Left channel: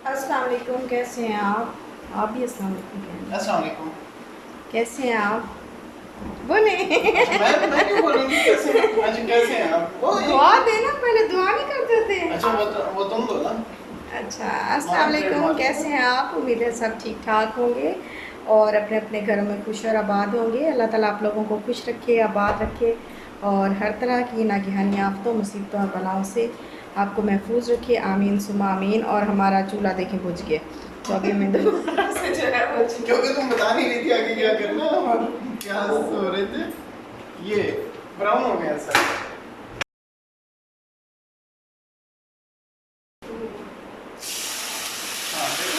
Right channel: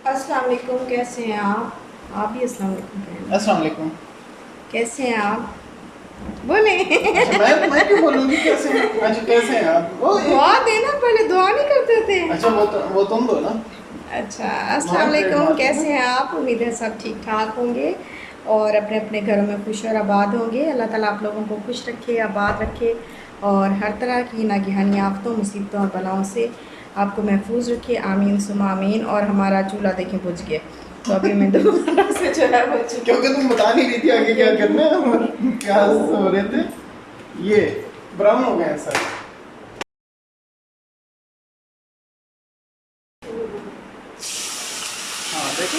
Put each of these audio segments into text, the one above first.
अस्सलाम वालेकुम, कैसे हैं आप भी अस्सलाम वालेकुम कह रहे हैं। अस्सलाम वालेकुम। कैसे हैं आप? बोले। अच्छा, मैं क्यों बोलूँगी कैसे हैं? अच्छा, कैसे हैं आप? वो एक दुआ देना, पहले दुआ नहीं करते थे। अच्छा, वो तुम दो ना। अच्छा, अस्सलाम तुम्हारा वालेकुम, ट्रेडमार्क है ना। कैसे हैं आप? उम्मीद है सब ठीक ठाक होंगे और अपने अपने घरों में खुश और आबाद होंगे। अल्लाह ताला आप लोगों को खुश रखे, आबाद रखे और हर तरह की नागहानी आफतों, मुसीबतों और बलाओं से आपको महफूज रखे। आमीन सुमा आमीन। और हमारा चूल्हा देखें बुझ गया, तो अभी मैं दोबारा से जो है वो क्योंकि तुम बता नहीं रही थी आगे क्या करना है और क्या हो रहे थे। ये ब्राउन हो गए हैं सर। हाँ देखो,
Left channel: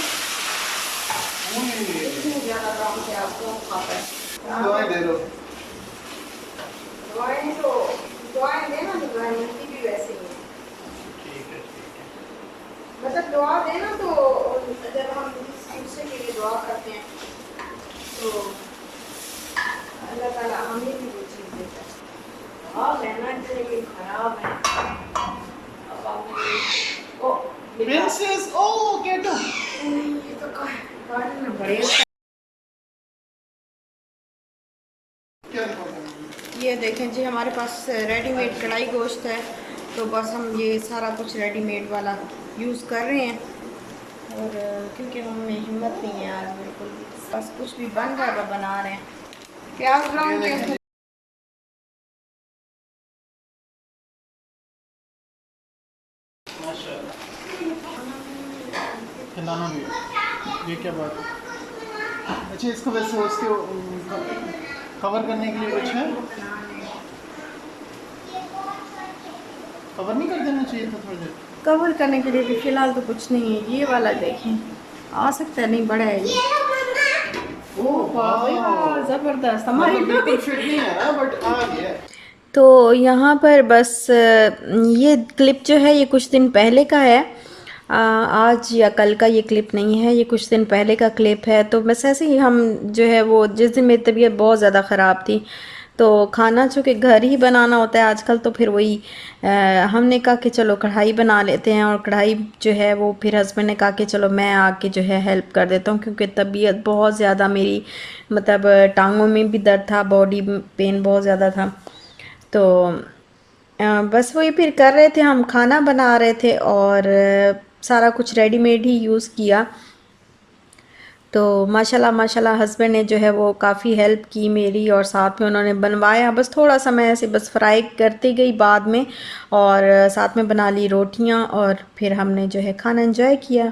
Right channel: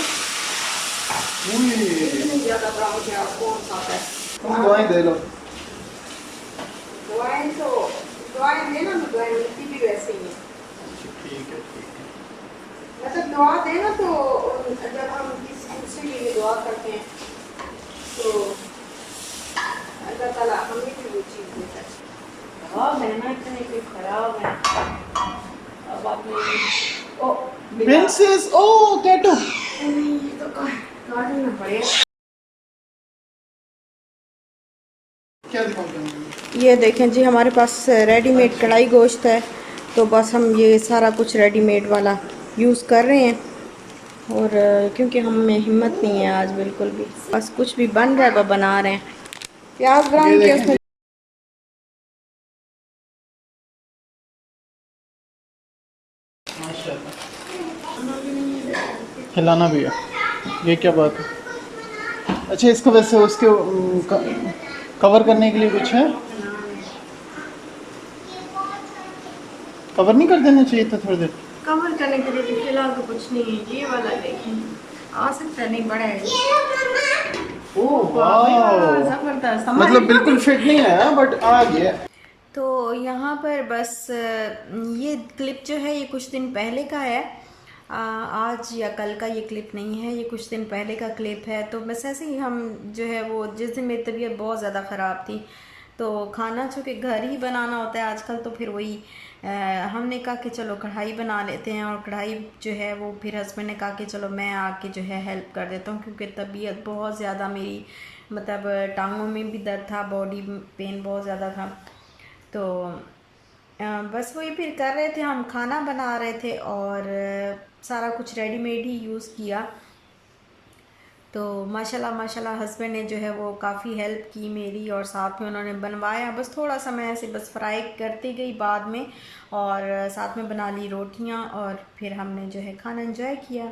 इतनी ज़्यादा ब्राउन क्या कौन खाता है? तुम दवाएं दे दो। दुआएं तो दुआएं देना, तो दुआएं मिलती भी वैसे ही है। ठीक है, ठीक है। मतलब दुआ देना तो जब हम किसी दूसरे के लिए दुआ करते हैं तो अल्लाह ताला हमें भी वो चीज़ देता है। ख़राब है ना, इतने भी खराब है। अब आप ओ बिल्ला, प्रिंसेस ओ कैटू। ये तो काटना पड़ेगा। क्या दिखाऊं? ये देखें जी, हमारे पास रेडीमेड अच्छा, कढ़ाई गोश्त है, तो बस हम ये सारा कुछ रेडीमेड वाला यूज़ कर रहे हैं। और क्योंकि हम में हिम्मत नहीं है आज बिल्कुल भी, बस कुछ भी बन रहा है वो बना रहे हैं। प्याज ये ब्राउन के देखें उसमें जी। माशाल्लाह। हिलाना भी है। ये क्या बात है? अच्छा, इसको वैसे उसके कवर करने के लिए कुछ है? कवर नहीं कर देना चाहिए था थोड़ी देर? कवर करने के लिए भी फिलहाल तो कुछ नहीं है। ये वाला देखें, आ सकता है, नहीं बड़ा है ये। ओह ओह वाह भाई वाह, वाह। ज़बरदस्त हमारी। मतलब बिल्कुल फिट नहीं आया बट आ गया। तो यहाँ पर बस ये क्लिप जो है ये कुछ दिन पहले का है। आज या कल का ये क्लिप नहीं है, ये कुछ दिन पहले का क्लिप है। तो बस ऐसे ही हम जो है वो, जिस दिन मेरी तबीयत बहुत ज़्यादा ख़राब थी तो खाना चूँकि घर ही बनाना होता है आजकल, तो फिर वही हमने कहा कि चलो कढ़ाई बना लेते हैं। और कढ़ाई जो है वो फिर हस्बैंड ने कहा कि चलो मैं आके जो है हेल्प कर देता हूँ, क्योंकि तबीयत बहुत ज़्यादा मेरी, मतलब टांगों में भी दर्द था, बॉडी पेन बहुत ज़्यादा था। तो बस वही फिर कर रहे थे, हम खाना बना रहे थे और सारा कुछ रेडीमेड ही यूज़ किया। तो माशाल्लाह माशाल्लाह हस्बैंड ने जो है वो काफ़ी हेल्प की मेरी, और साथ में उन्होंने बनवाया। बस थोड़ा सा मैं ऐसे बस फ्राई करती गई बाद में, और साथ में बना ली रोटियां, और फिर हमने जो है खाना एंजॉय किया।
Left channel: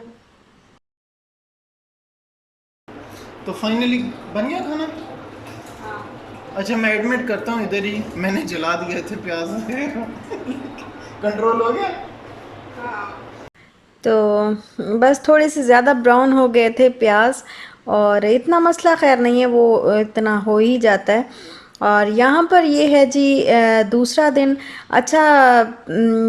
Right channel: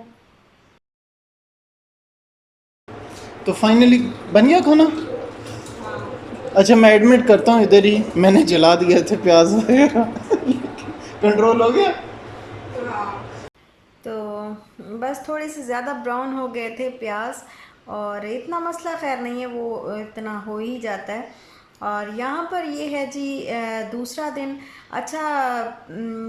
तो फाइनली बन गया खाना। अच्छा, मैं एडमिट करता हूँ, इधर ही मैंने जला दिए थे प्याज वगैरह। कंट्रोल हो गया। तो बस थोड़े से ज़्यादा ब्राउन हो गए थे प्याज, और इतना मसला खैर नहीं है, वो इतना हो ही जाता है। और यहाँ पर ये है जी दूसरा दिन। अच्छा,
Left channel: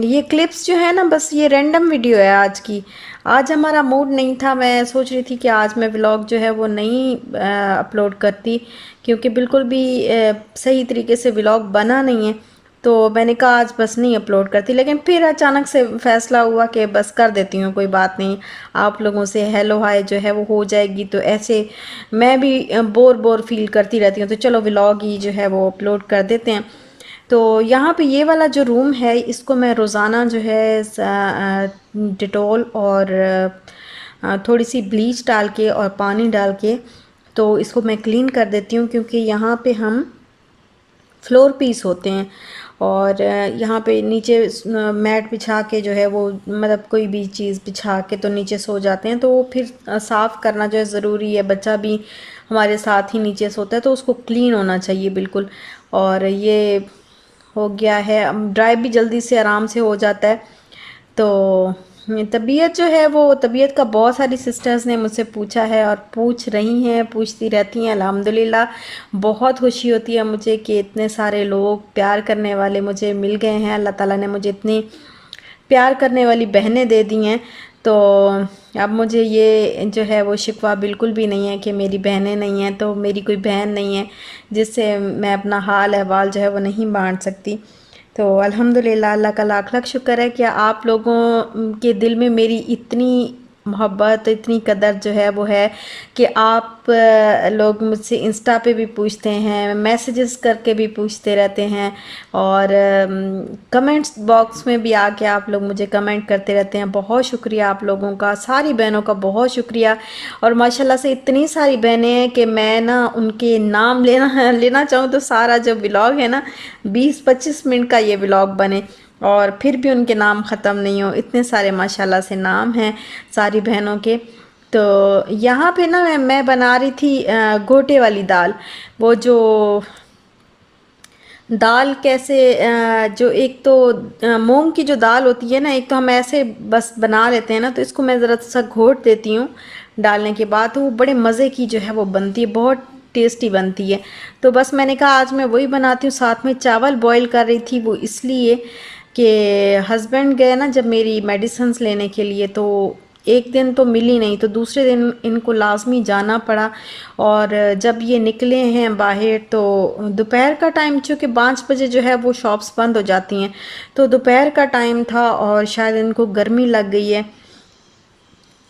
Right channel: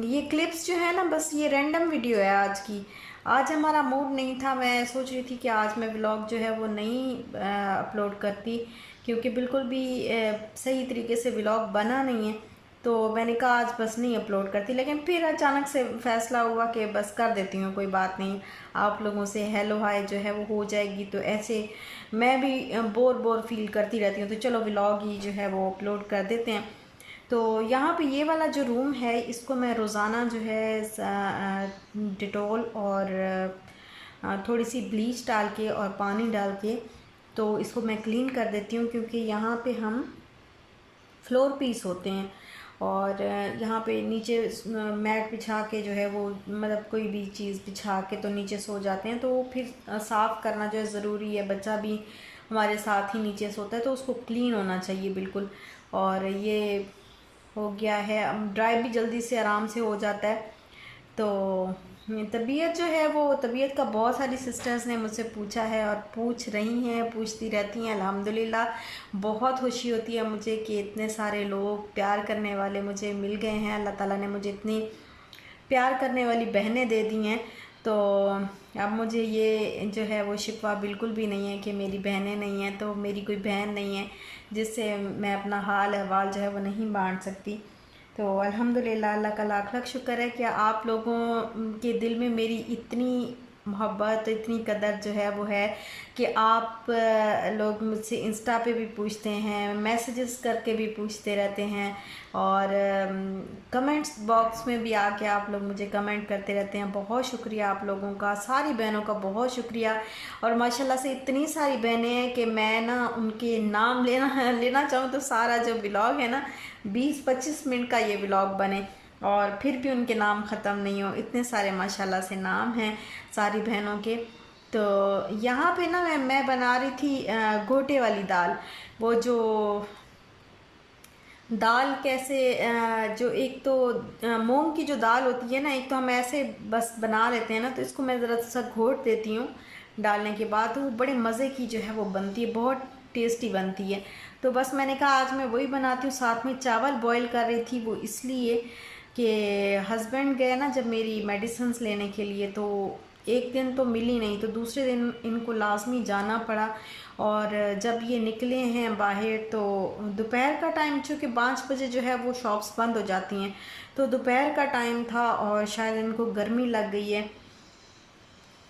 ये क्लिप्स जो है ना, बस ये रैंडम वीडियो है आज की। आज हमारा मूड नहीं था, मैं सोच रही थी कि आज मैं व्लॉग जो है वो नहीं अपलोड करती, क्योंकि बिल्कुल भी सही तरीके से व्लॉग बना नहीं है। तो मैंने कहा आज बस नहीं अपलोड करती, लेकिन फिर अचानक से फ़ैसला हुआ कि बस कर देती हूँ, कोई बात नहीं। आप लोगों से हेलो हाय जो है वो हो जाएगी, तो ऐसे मैं भी बोर बोर फील करती रहती हूँ, तो चलो व्लॉग ही जो है वो अपलोड कर देते हैं। तो यहाँ पे ये वाला जो रूम है, इसको मैं रोज़ाना जो है डिटॉल और थोड़ी सी ब्लीच डाल के और पानी डाल के तो इसको मैं क्लीन कर देती हूँ, क्योंकि यहाँ पे हम फ्लोर पीस होते हैं। और यहाँ पे नीचे मैट बिछा के जो है वो, मतलब कोई भी चीज़ बिछा के तो नीचे सो जाते हैं, तो वो फिर साफ़ करना जो है ज़रूरी है। बच्चा भी हमारे साथ ही नीचे सोता है, तो उसको क्लीन होना चाहिए बिल्कुल। और ये हो गया है, ड्राई भी जल्दी से आराम से हो जाता है। तो तबीयत जो है वो, तबीयत का बहुत सारी सिस्टर्स ने मुझसे पूछा है और पूछ रही हैं, पूछती रहती हैं। अल्हम्दुलिल्लाह बहुत खुशी होती है मुझे कि इतने सारे लोग प्यार करने वाले मुझे मिल गए हैं। अल्लाह ताला ने मुझे इतनी प्यार करने वाली बहनें दे दी हैं। तो अब मुझे ये जो है वो शिकवा बिल्कुल भी नहीं है कि मेरी बहनें नहीं हैं, तो मेरी कोई बहन नहीं है जिससे मैं अपना हाल अहवाल जो है वो नहीं बांट सकती। तो अल्हम्दुलिल्लाह, अल्लाह का लाख लाख शुक्र है कि आप लोगों के दिल में मेरी इतनी मोहब्बत, इतनी कदर जो है वो है कि आप लोग मुझसे इंस्टा पे भी पूछते हैं, मैसेजेस करके भी पूछते रहते हैं, और कमेंट्स बॉक्स में भी आके आप लोग मुझे कमेंट करते रहते हैं। बहुत शुक्रिया आप लोगों का, सारी बहनों का बहुत शुक्रिया। और माशाल्लाह से इतनी सारी बहनें हैं कि मैं ना उनके नाम लेना लेना चाहूँ तो सारा जो व्लॉग है ना 20-25 मिनट का ये व्लॉग बने, और फिर भी उनके नाम ख़त्म नहीं हो। इतने सारे माशाल्लाह से नाम हैं सारी बहनों के। तो यहाँ पे ना मैं बना रही थी गोटे वाली दाल। वो जो दाल कैसे जो एक तो मूंग की जो दाल होती है ना, एक तो हम ऐसे बस बना लेते हैं ना, तो इसको मैं ज़रा सा घोट देती हूँ डालने के बाद, तो वो बड़े मज़े की जो है वो बनती है, बहुत टेस्टी बनती है। तो बस मैंने कहा आज मैं वही बनाती हूँ। साथ में चावल बॉईल कर रही थी, वो इसलिए कि हस्बैंड गए ना जब मेरी मेडिसिन्स लेने के लिए, तो एक दिन तो मिली नहीं, तो दूसरे दिन इनको लाजमी जाना पड़ा। और जब ये निकले हैं बाहर तो दोपहर का टाइम, चूँकि 5 बजे जो है वो शॉप्स बंद हो जाती हैं, तो दोपहर का टाइम था और शायद इनको गर्मी लग गई है।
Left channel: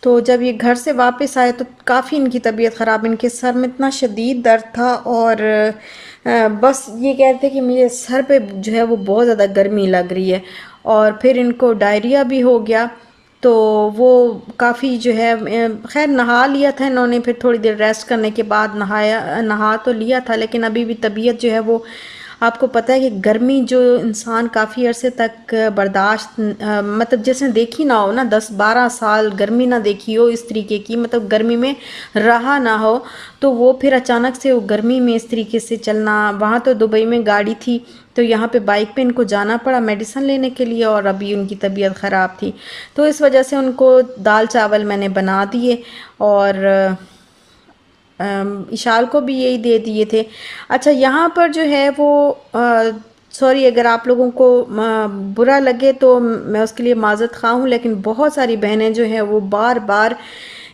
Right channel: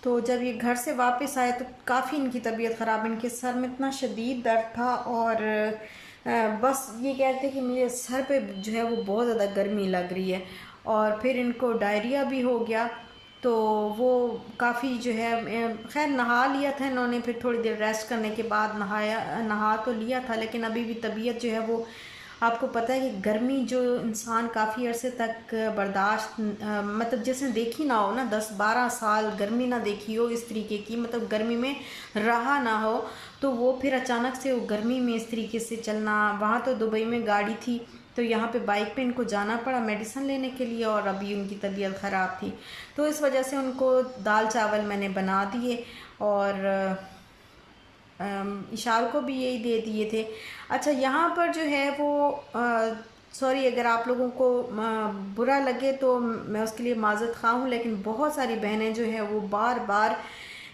तो जब ये घर से वापस आए तो काफ़ी इनकी तबीयत ख़राब, इनके सर में इतना शदीद दर्द था, और बस ये कहते थे कि मुझे सर पे जो है वो बहुत ज़्यादा गर्मी लग रही है, और फिर इनको डायरिया भी हो गया। तो वो काफ़ी जो है खैर नहा लिया था इन्होंने, फिर थोड़ी देर रेस्ट करने के बाद नहा तो लिया था, लेकिन अभी भी तबीयत जो है वो, आपको पता है कि गर्मी जो इंसान काफ़ी अरसे तक बर्दाश्त मतलब जैसे देखी ना हो ना, 10-12 साल गर्मी ना देखी हो इस तरीके की, मतलब गर्मी में रहा ना हो, तो वो फिर अचानक से वो गर्मी में इस तरीके से चलना। वहाँ तो दुबई में गाड़ी थी, तो यहाँ पे बाइक पे इनको जाना पड़ा मेडिसिन लेने के लिए, और अभी उनकी तबीयत ख़राब थी, तो इस वजह से उनको दाल चावल मैंने बना दिए, और इशाल को भी यही दे दिए थे। अच्छा, यहाँ पर जो है वो सॉरी अगर आप लोगों को बुरा लगे तो मैं उसके लिए माज़रत ख़्वाह हूँ, लेकिन बहुत सारी बहनें जो हैं वो बार बार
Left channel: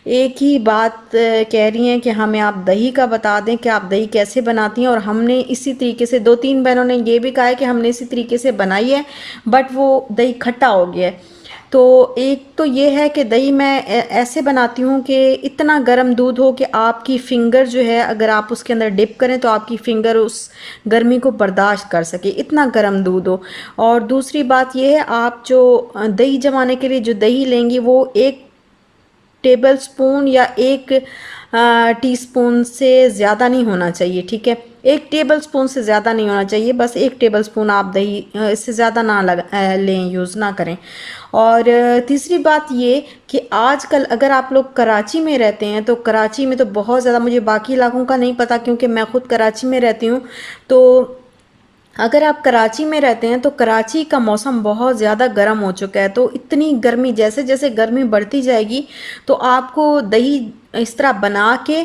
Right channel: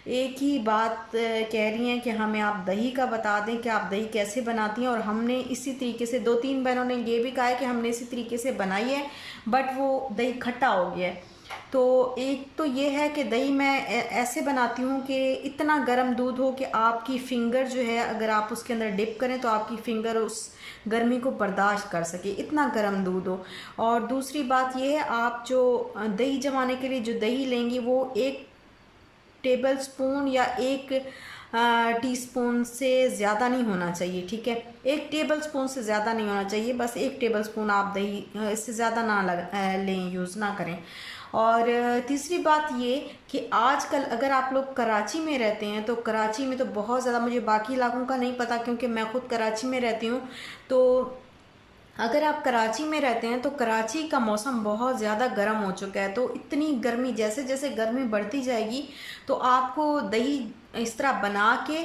एक ही बात कह रही हैं कि हमें आप दही का बता दें कि आप दही कैसे बनाती हैं। और हमने इसी तरीके से 2-3 बहनों ने ये भी कहा है कि हमने इसी तरीके से बनाई है, बट वो दही खट्टा हो गया है। तो एक तो ये है कि दही मैं ऐसे बनाती हूँ कि इतना गर्म दूध हो कि आपकी फिंगर जो है, अगर आप उसके अंदर डिप करें तो आपकी फिंगर उस गर्मी को बर्दाश्त कर सके, इतना गर्म दूध हो। और दूसरी बात ये है, आप जो दही जमाने के लिए जो दही लेंगी वो 1 टेबल स्पून या 1 टीस्पून से ज़्यादा नहीं होना चाहिए, ठीक है। 1 टेबल स्पून से ज़्यादा नहीं होना चाहिए, बस 1 टेबल स्पून आप दही, इससे ज़्यादा ना लें, यूज़ ना करें। और तीसरी बात ये कि आजकल अगर आप लोग कराची में रहते हैं तो कराची में तो बहुत ज़्यादा, मुझे बाकी इलाकों का नहीं पता क्योंकि मैं ख़ुद कराची में रहती हूँ, तो अगर आप कराची में रहते हैं तो कराची का मौसम बहुत ज़्यादा गर्म हो चुका है। तो इतनी गर्मी, जैसे जैसे गर्मी बढ़ती जाएगी तो आपको दही इस तरह बना के,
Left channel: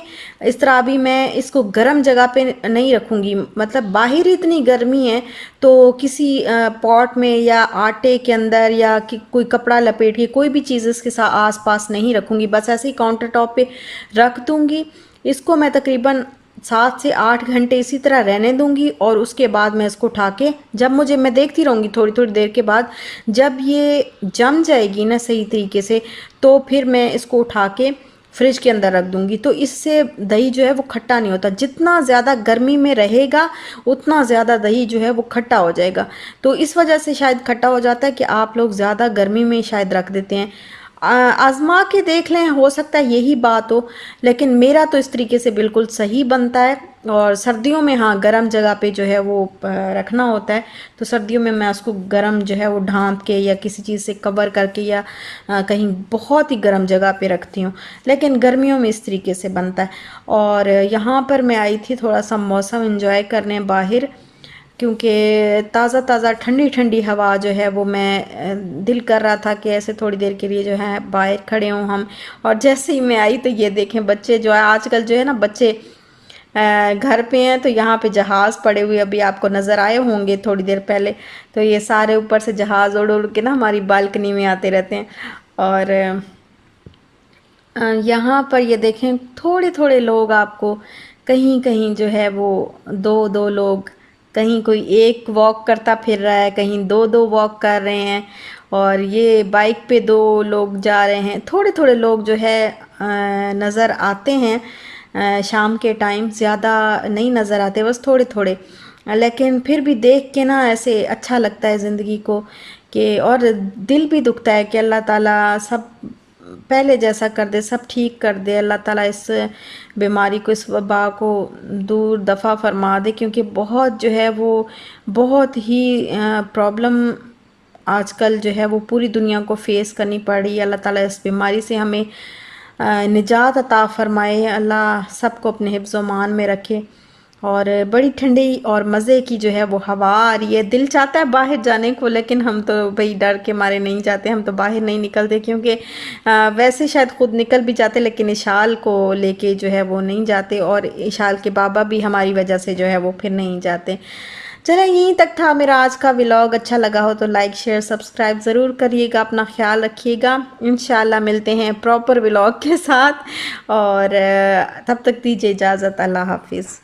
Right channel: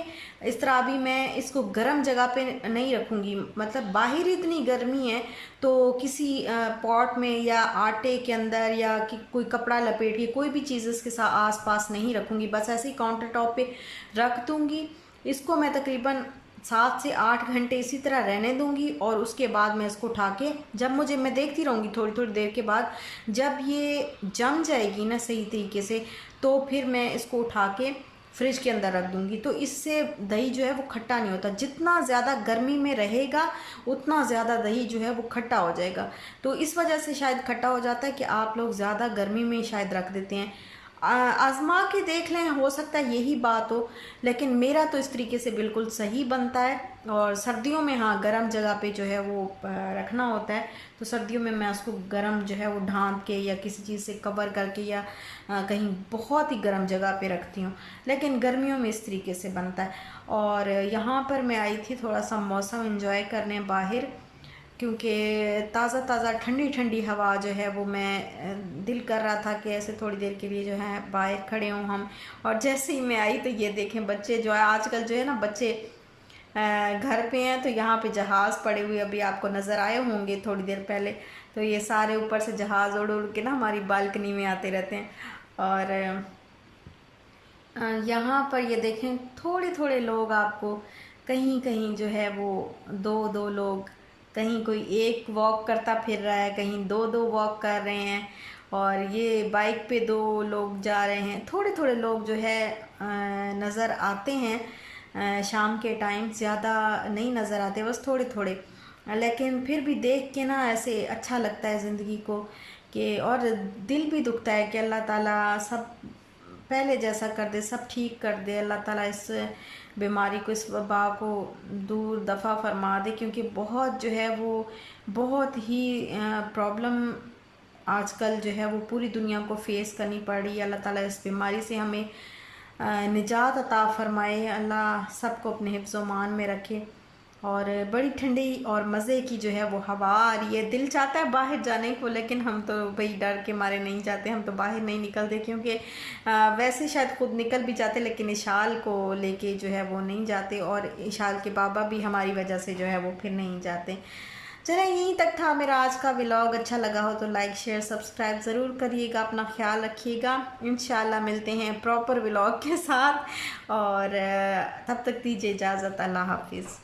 इस तरह अभी मैं इसको गर्म जगह पे नहीं रखूँगी, मतलब बाहर ही इतनी गर्मी है, तो किसी पॉट में या आटे के अंदर या कि कोई कपड़ा लपेट के कोई भी चीज़ इसके साथ आस पास नहीं रखूँगी, बस ऐसे ही काउंटर टॉप पे रख दूँगी। इसको मैं तकरीबन 7 से 8 घंटे इसी तरह रहने दूंगी, और उसके बाद मैं इसको उठा के, जब मुझे, मैं देखती रहूँगी थोड़ी थोड़ी देर के बाद, जब ये जम जाएगी ना सही तरीके से, तो फिर मैं इसको उठा के फ्रिज के अंदर रख दूंगी। तो इससे दही जो है वो खट्टा नहीं होता, जितना ज़्यादा गर्मी में रहेगा उतना ज़्यादा दही जो है वो खट्टा हो जाएगा। तो इस वजह से शायद खट्टा हो जाता है कि आप लोग ज़्यादा गर्मी में शायद रख देते हैं। आजमा के देख लें, हो सकता है यही बात हो, लेकिन मेरा तो इस तरीके से बिल्कुल सही बनता है। और सर्दियों में हाँ, गर्म जगह पे जो है वो रखना होता है, तो सर्दियों में मैं उसको गर्म जो है वो ढाँप के या किसी चीज़ से कवर करके या कहीं बहुत ही गर्म जगह पे रखती हूँ, लेकिन गर्मियों में इस तरीके से बनता है। और यहाँ पर मैं आई थी थोड़ा सा मौसम इंजॉय करने बाहर, क्योंकि ताज़ा ताज़ा ठंडी ठंडी हवा जो है वो, मैं दिल कर रहा था कि ऐसे थोड़ी देर के लिए जो है बाहर खड़े हों हम। और जैसे ही मैं आई तो ये देखें बच्चे जो है, आजकल जो है ना बच्चे घर पे हैं, तो यहाँ पे जहाज़ पड़े हुए अभी आपको नज़र आए होंगे थोड़ी देर पहले, तो ये सारे ऊपर से जहाज़ उड़ उड़ के ना हमारी बालकनी में आते रहते हैं। और यहाँ पर ये देखें थोड़े थोड़े लोग आपको, कहीं कहीं जो है वो दो दो लोग, कहीं कोई एक वॉक करता फिर रहा है, कहीं दो दो वॉक कर रहे हैं। और ये बाइक पे 2 लोग जा रहे हैं। थोड़े थोड़े लोग जो है नज़र आते हैं शाम के टाइम, ज़्यादा नहीं नज़र आते, बस थोड़े थोड़े। लेकिन फिर भी देख के ना ऐसे अच्छा लगता है ज़िंदगी को कि, और दिल भी दुखता है कि अल्लाह ताला सब पहले जैसा कर दे, सब ठीक कर दे। अल्लाह ताला इस बीमारी को, इस वबा को दूर दफ़ा फरमा दे, क्योंकि बहुत जो है वो बहुत ही प्रॉब्लम आजकल जो है वो पूरी दुनिया को फेस करनी पड़ रही है। अल्लाह ताला इस बीमारी से हमें निजात अता फरमाए। अल्लाह सबको अपने हिफ्ज़ मान में रखे। और बड़ी ठंडी और मज़े की जो है वो हवा आ रही है। दिल चाहता है बाहर जाने को, लेकिन हम तो भाई डर के मारे नहीं जाते, हम तो बाहर नहीं निकलते, क्योंकि वैसे शायद ख़ुद निकल भी जाते, लेकिन इशाल को लेके जो है वो नहीं जाते, और इशाल के बाबा भी हमारी वजह से जो है वो फिर नहीं जाते। चलें, यहीं तक था मेरा आज का व्लॉग। अच्छा लगा हो तो लाइक शेयर सब्सक्राइब ज़रूर करिएगा। अपना ख्याल रखिएगा। इंशाल्लाह मिलते हैं प्रॉपर व्लॉग के साथ, और तब तक दीजिए इजाज़त। अल्लाह हाफिज़।